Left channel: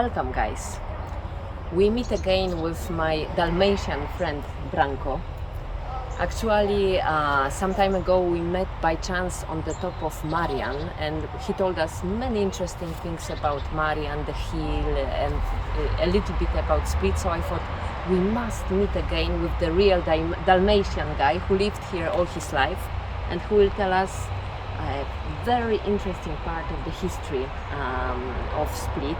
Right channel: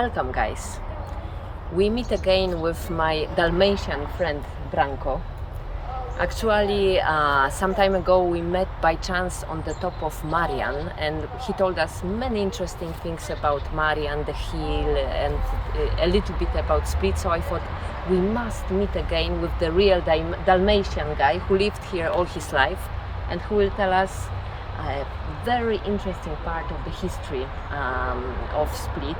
Welcome, guys. We meet again with my Dalmatian friend Branko. Actually, some time ago we met by chance on the top of Marian, and he told us many interesting things about Marian, the hill, and a little bit about Split. So I thought we must meet again with the real Dalmatian guy who lived here all his life and who will tell us a very interesting part of the history of Split.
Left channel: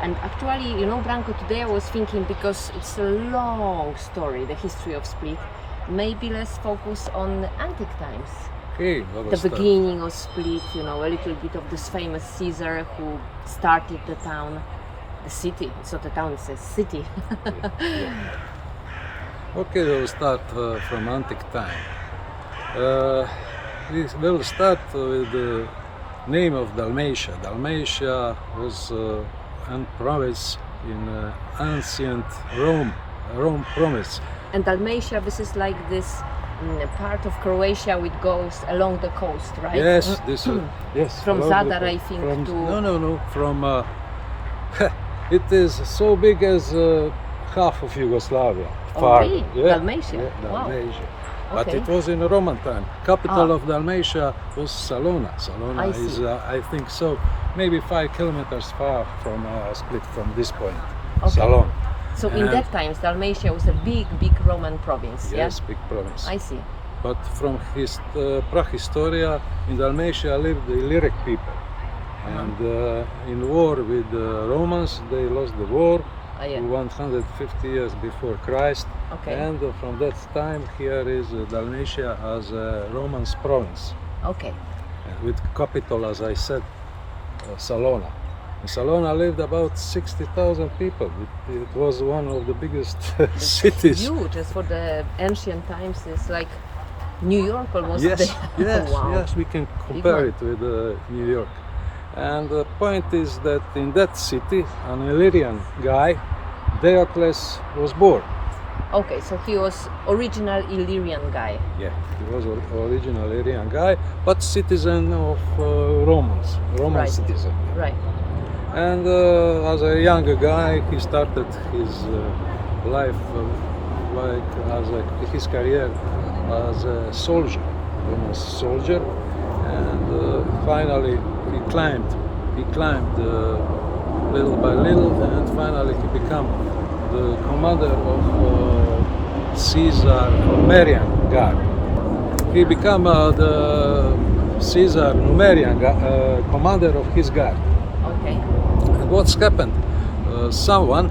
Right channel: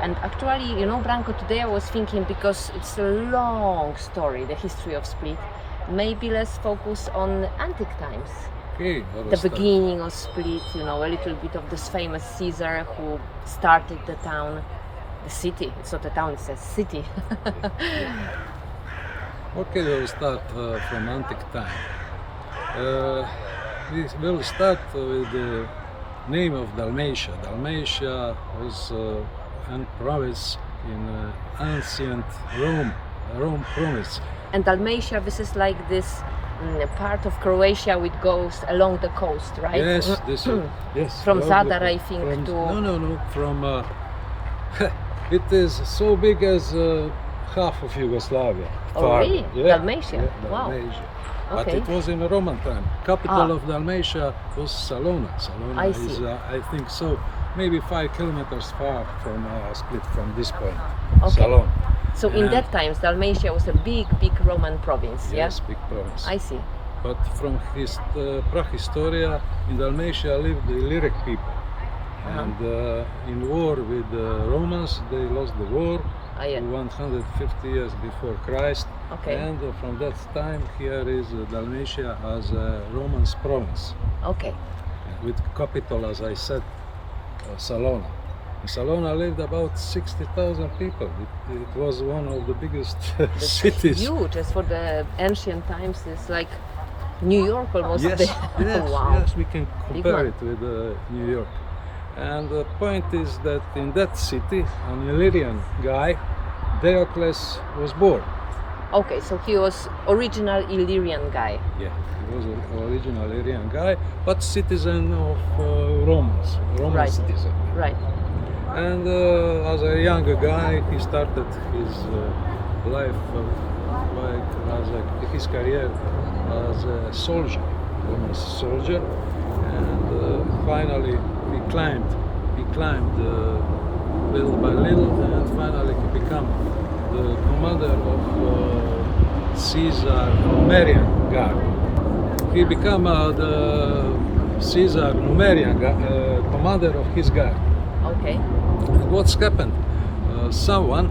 And actually, you know, Branko, today I was thinking, because it's a long story, the history of Split, maybe let's focus on antique times. Okay, The beginning of Split, you know, a little bit of this famous Caesar who started the town, the city. It's not a town, it's a city. Okay, we'll start from antique time. We will start with the name of Dalmatia. Dalmatia was a province in ancient Rome province. And Dalmatia, this is like this part of Croatia which goes along the coast, right? Yes, this yes. From along the Zadar, I think, from, to... No. From it is so big as half of Yugoslavia. Oh, really? Yeah. Dalmatia? Yeah, Wow. Dalmatia. Okay. But it was in Roman time. Capital of Dalmatia was Salona. Salona I see. is, I think so, maybe 5 kilometers far from Split, from this point. Okay. Salona. So in that times, Dalmatia was a big Roman province, Yes, yeah? big province. I see. But from his Prahistoria, in Dalmatia lived the Illyric people. And in war with the Romans, they lost the war. Oh, yeah. 150 years before Christ. Okay. And from that time, here is Dalmatia as a Roman province. Okay. With capital, as I said, Salona. In Salona lived about 60,000 people. It was one of the biggest It's cities. huge. As for the ancient times, it's like New York almost. Yes, yes, Wow. yes, we can Big compare one. it with New York. And the point is that in that city, an Illyrian guy, Diocletian, was born. Okay, so he was original Illyrian guy. Yeah, he was an original Illyrian guy, but citizen of Roman Right. citizen. Right. And as a younger guy, he started his life his career as a soldier, Roman soldier, and finally he climbed little by little, and finally to become the commander of Caesar Numerian guard. He became the Caesar Numerian commander of his guard. Okay. And what's happened? Someone,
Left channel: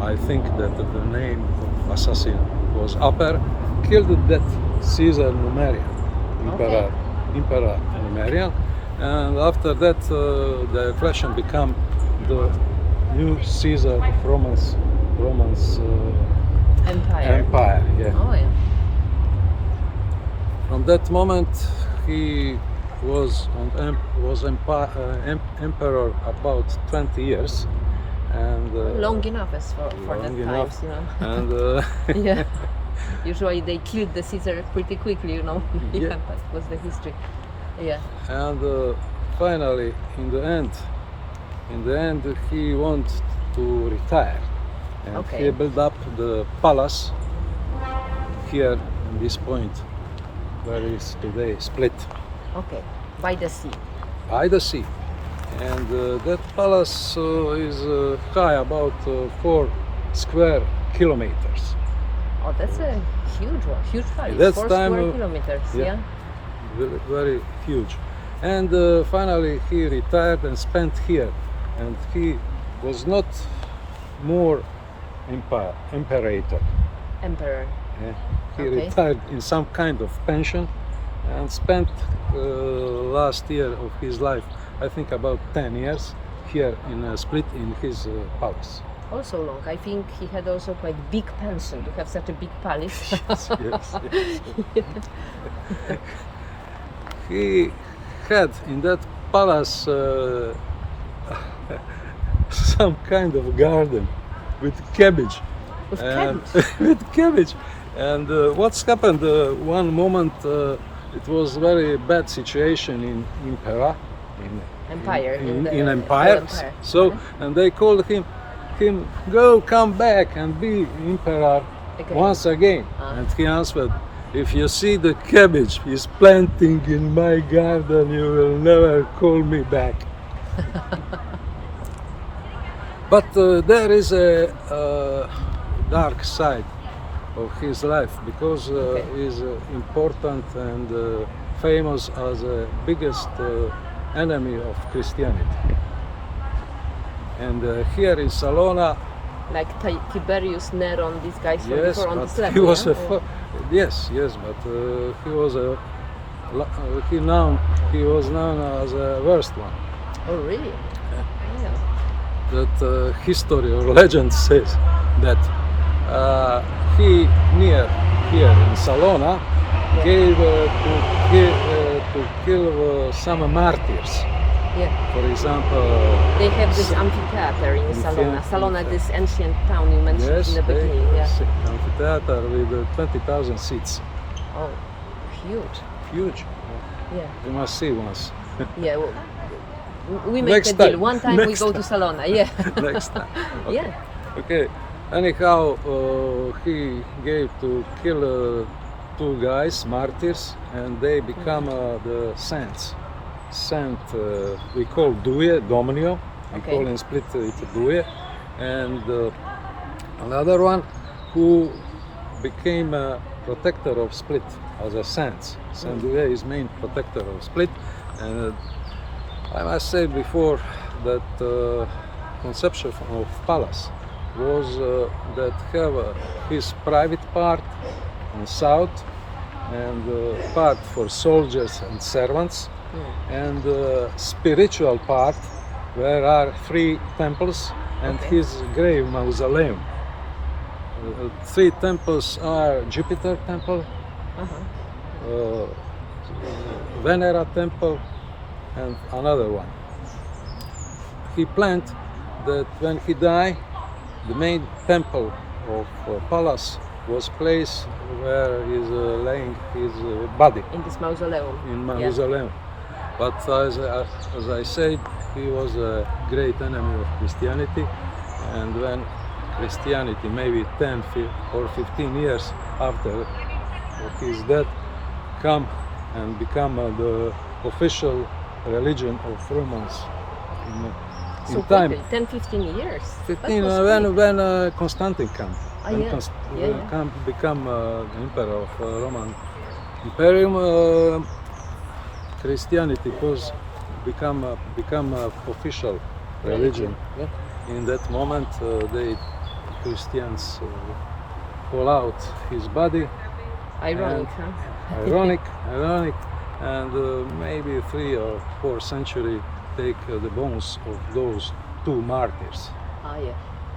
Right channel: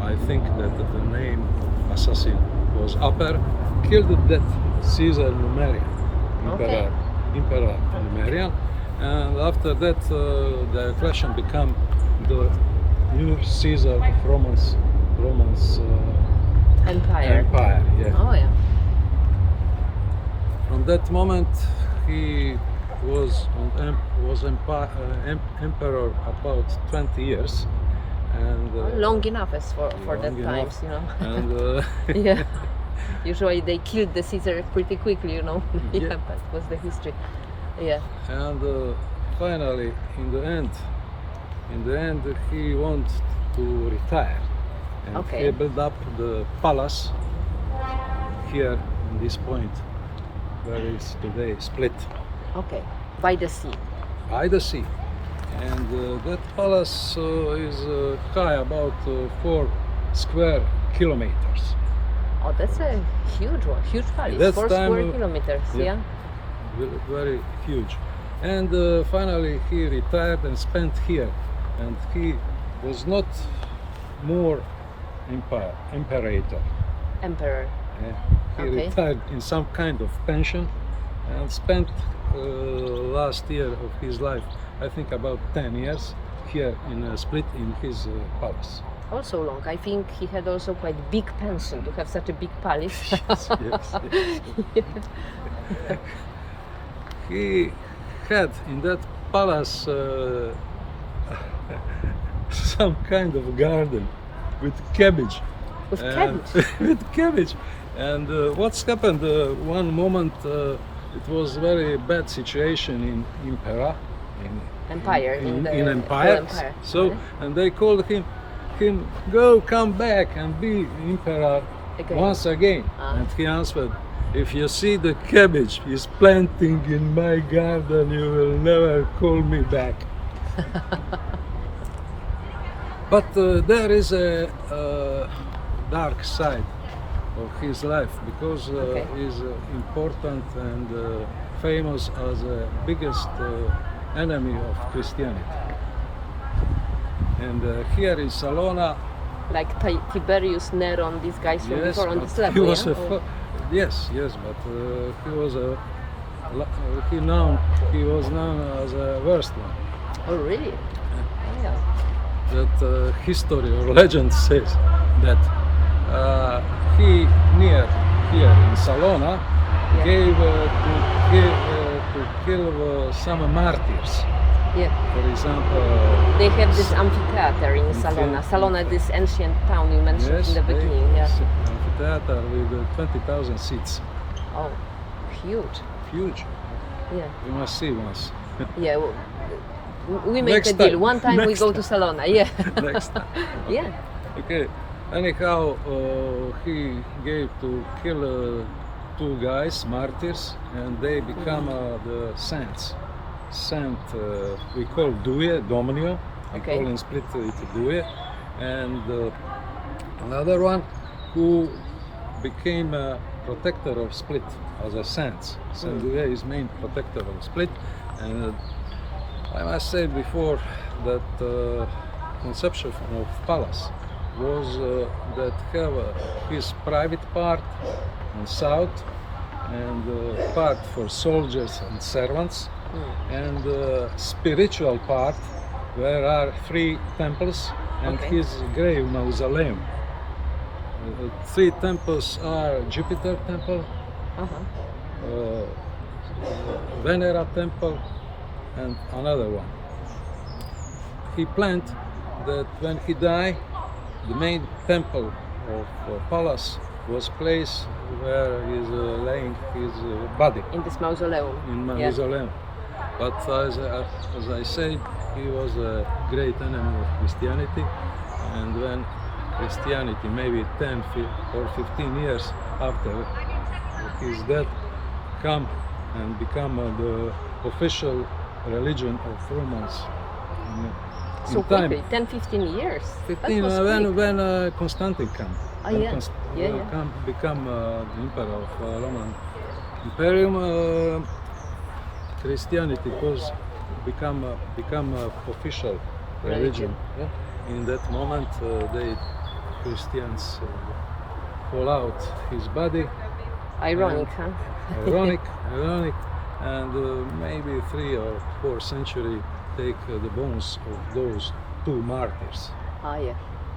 I think that the name of assassin was Upper, killed that Caesar Numerian, Emperor Numerian, and after that Diocletian became the new Caesar of Romans Empire. Yeah. Oh yeah. From that moment, he was emperor about 20 years, and Long enough as for that long times, enough. you know. And Yeah. Usually they killed the Caesar pretty quickly, you know. Yeah, Yeah. that was the history. Yeah. and finally, in the end, he wanted to retire, and Okay. he built up the palace here in this point, where is today Split, Okay. By the sea. by the sea. And that palace is high about 4 square kilometers. Oh, that's a huge one. Huge palace. That's 4 time, square kilometers. Yeah. Very huge. And finally he retired and spent here. And he was not more imperator. Emperor. Yeah. He Okay. retired in some kind of pension and spent last year of his life, I think about 10 years, here in Split in his palace. Also long. I think he had also quite big pension to have such a big palace. Yes. He had in that palace some kind of garden with cabbage. With And- cabbage. with cabbage. And what's happened? One moment it was very bad situation in Pera, Empire in the empire. whole empire. So and they called him go come back and be emperor Again. once again. And he answered, if you see the cabbage is planting in my garden, you will never call me back. But there is a dark side of his life, because he's important and famous as the biggest enemy of Christianity. And here in Salona, Like Tiberius, Neron, these guys from before on but this level, he was yeah? yes, but he was he was known as a worst one. Oh, really? Oh, yeah. That history or legend says that he near here in Salona gave to kill some martyrs. Yeah. For example, They have this amphitheater in Salona. Salona, this ancient town you mentioned in the beginning. yes, Yeah. amphitheater with 20,000 seats. Oh, huge. Huge. Yeah. You must see once. Yeah. Well, we make Next the deal. time. One time we Next go to Salona. Yeah. Next time. Okay. Yeah. Okay. Anyhow, he gave to kill two guys, martyrs, and they become the saints. Saint, we call Duje, Dominio. We Okay. call in Split it Duje. And another one who became a protector of Split as a saint. Saint Duje is main protector of Split. And I must say before that conception of palace was that have his private part on south and part for soldiers and servants, and spiritual part where are 3 temples and his grave mausoleum. 3 temples are Jupiter temple, Venera temple, and another one. He planned that when he died, the main temple of palace was placed where is laying his body, In this mausoleum. in mausoleum. But as I said, he was a great enemy of Christianity, and when Christianity, maybe 10 or 15 years after his death, come and become the official religion of Romans. So quickly, 10-15 years. 15 That was quick. when Constantine came. Oh, When yeah. become emperor of Roman Imperium, Christianity was become official religion. Yeah. In that moment, Christians pull out his body. Ironic, huh? Ironic, and maybe 3 or 4 century take the bones of those 2 martyrs Ah, yeah.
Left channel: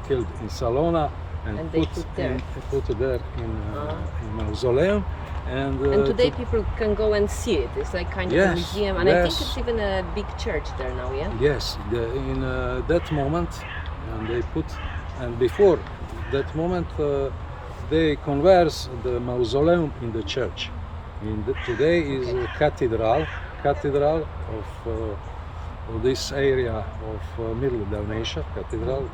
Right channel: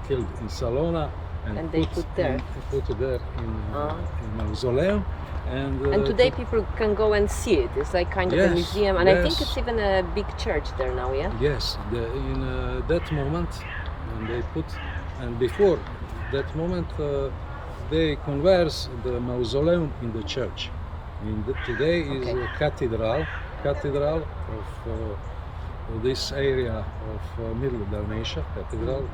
killed in Salona and they put there. put there in mausoleum. And today people can go and see it. It's like kind of a Yes, museum, and I think yes. it's even a big church there now. Yeah. Yes, in that moment, and they put, and before that moment, they convert the mausoleum in the church. Today is a cathedral of this area of Middle Dalmatia, cathedral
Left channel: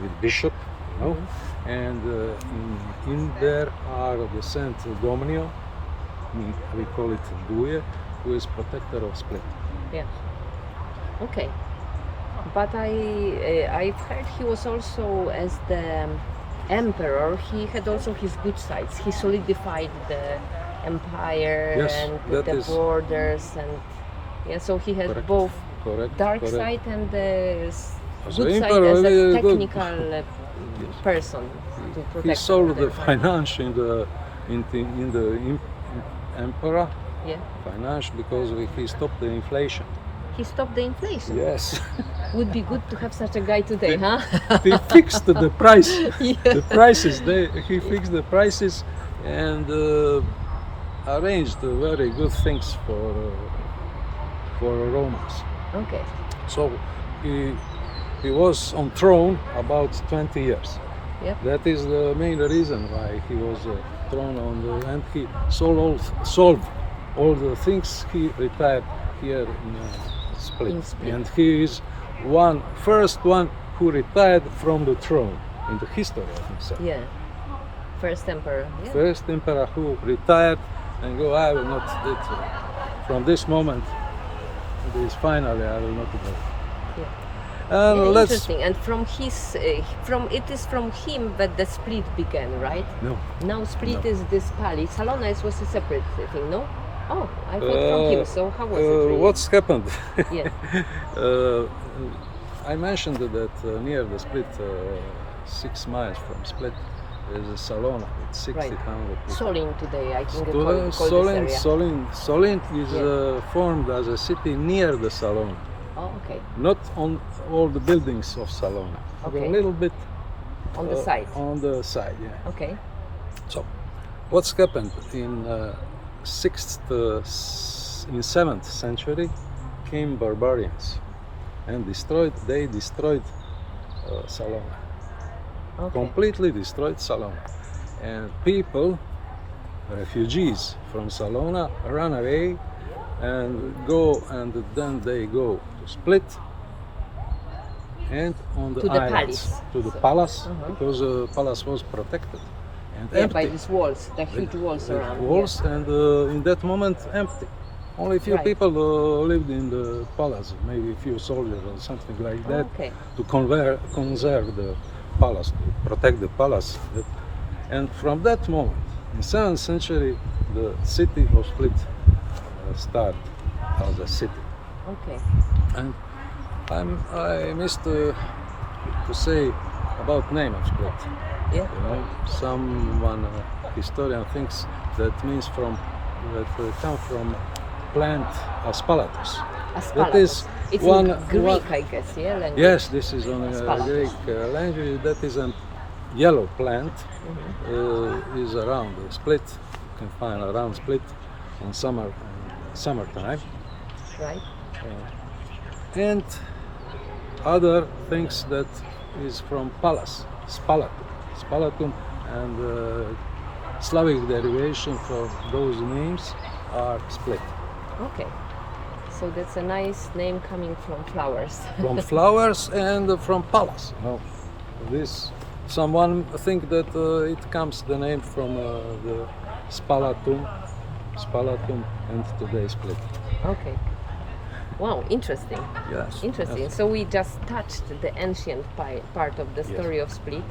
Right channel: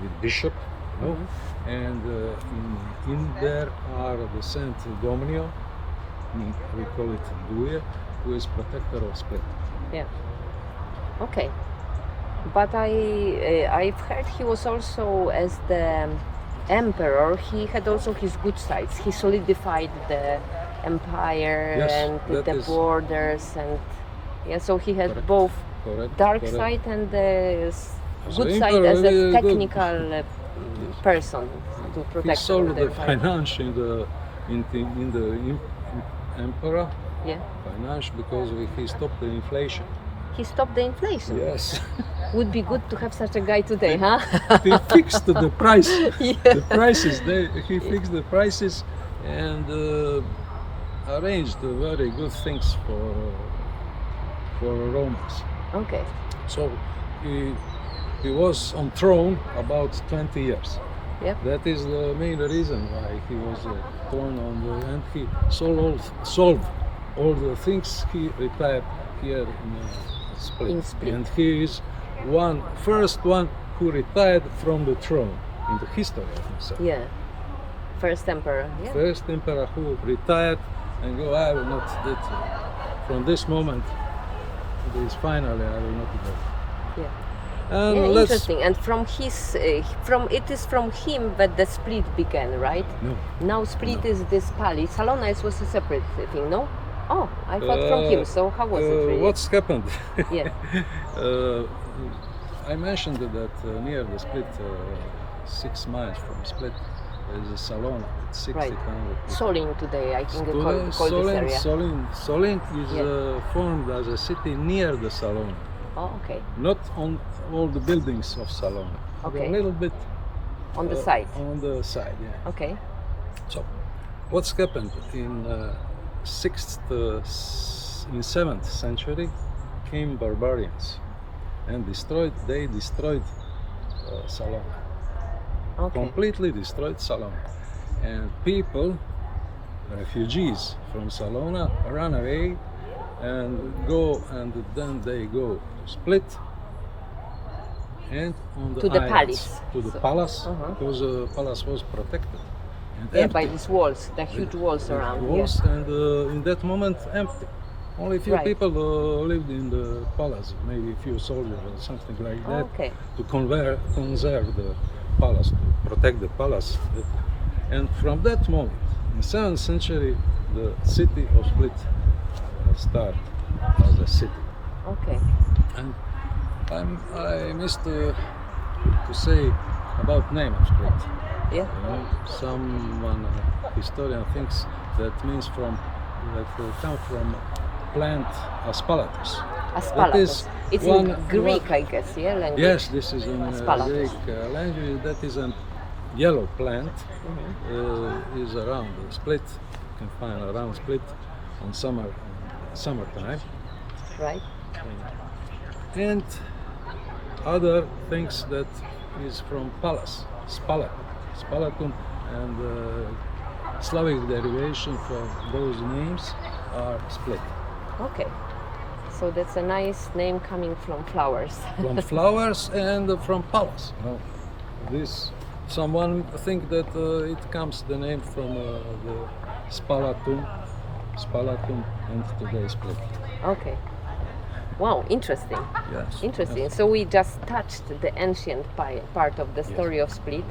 with bishop, you know? And in there are the Saint Dominio, we call it Duje, who is protector of Split. Yeah. Okay. But I've heard he was also, as the emperor, he had also his good sides. He solidified the empire Yes, and that the is- borders, and yeah, so he had Correct. both Correct. dark correct. side and the As good an side emperor, as a very good. technical person to He protect solved the empire. finance in the emperor Yeah. finance because he stopped the inflation. He stopped the inflation. Yes. Would be good to have such a guy today, huh? He fixed the price. Yeah. The prices. He fixed the prices and arranged very good things for Romans. Okay. So he was on throne about 20 years. Yep. That is the main reason why he was thrown on the, and he solved all the things he retired here in Split. In Split. And he is first one who retired from the throne in the history, I think so. Yeah. First emperor. Yeah. First emperor who retired and go, I will not do it. From this moment, this finally, I will not go. Yeah. And Yeah, let's interesting. And from his, it is from him that the split began, right? no. Now split No. is this palace. Salona was a separate thing, no? Oh, I thought from him. So how was it? Really? What's happened? Yeah. I mentioned that near the Split, 6 miles from Split, is a Salona with 600 people. Solin today, I think, call this area. Solin is Yeah. formed as a city near the Salona, Oh, okay. not on all the buildings of Salona, but Okay. a little bit On the side. On the side, yeah. Okay. So, what's happened in 7th century? Came barbarians and they destroyed Salona. Okay. Completely destroyed Salona, and people, refugees from Salona, run away and then they go to Split and on the To the islands, palace. to the palace, Uh-huh. because the palace was protected and Yeah, empty. by these walls, the huge walls With around. walls, and in that moment empty. Only few Right. people lived in the palace, maybe a few soldiers or something like Yeah. that, Okay. to conserve the palace, to protect the palace. And from that moment, in 7th century, the city of Split started as a city. Okay. And I missed to say about name of Split. Yeah. You know, someone historian thinks that means come from plant aspalathus. Aspalathus. It's in Greek, I guess, yeah, language. Yes, this is on Aspalathus. Greek language. That is a yellow plant. Is around the Split. You can find around Split in summertime. Right. And other things that is from palace, spalatum, and Slavic derivation from those names are Split. Okay. So that's a nice name coming from flowers. From flowers and from palace. You know, someone think that it comes the name from the spalatum, and today Split. Okay. Wow, interesting. Yes. Interesting. Yes. So we just touched the ancient part of the story of Split.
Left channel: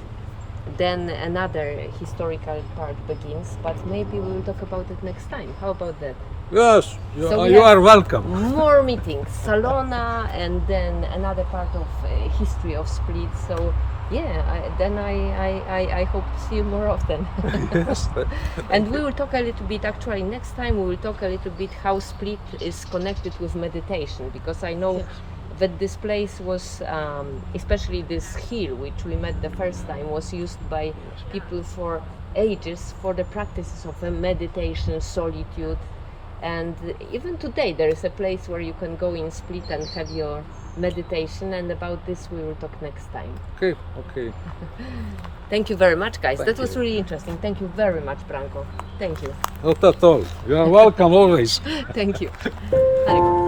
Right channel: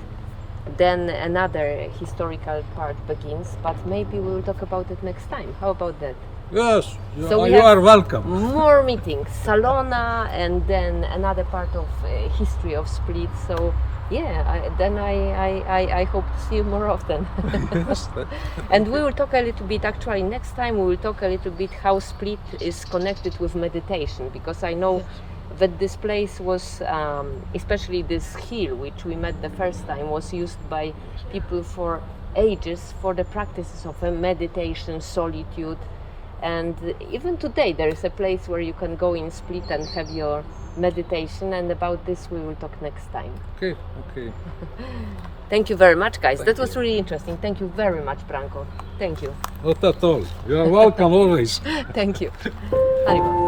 Then another historical part begins, but maybe we will talk about it next time. How about that? Yes, So we you have are welcome. More meetings, Salona, and then another part of history of Split. So yeah, I hope to see you more often. Yes. And we will talk a little bit, actually next time we will talk a little bit how Split is connected with meditation, because I know that this place was, especially this hill which we met the first time, was used by people for ages for the practices of meditation, solitude. And even today there is a place where you can go in Split and have your meditation, and about this we will talk next time. Okay. Thank you very much, guys. Thank That was you. really interesting. Thank you very much, Branko. Thank you. Not at all. You are welcome always. Thank you. Arriba.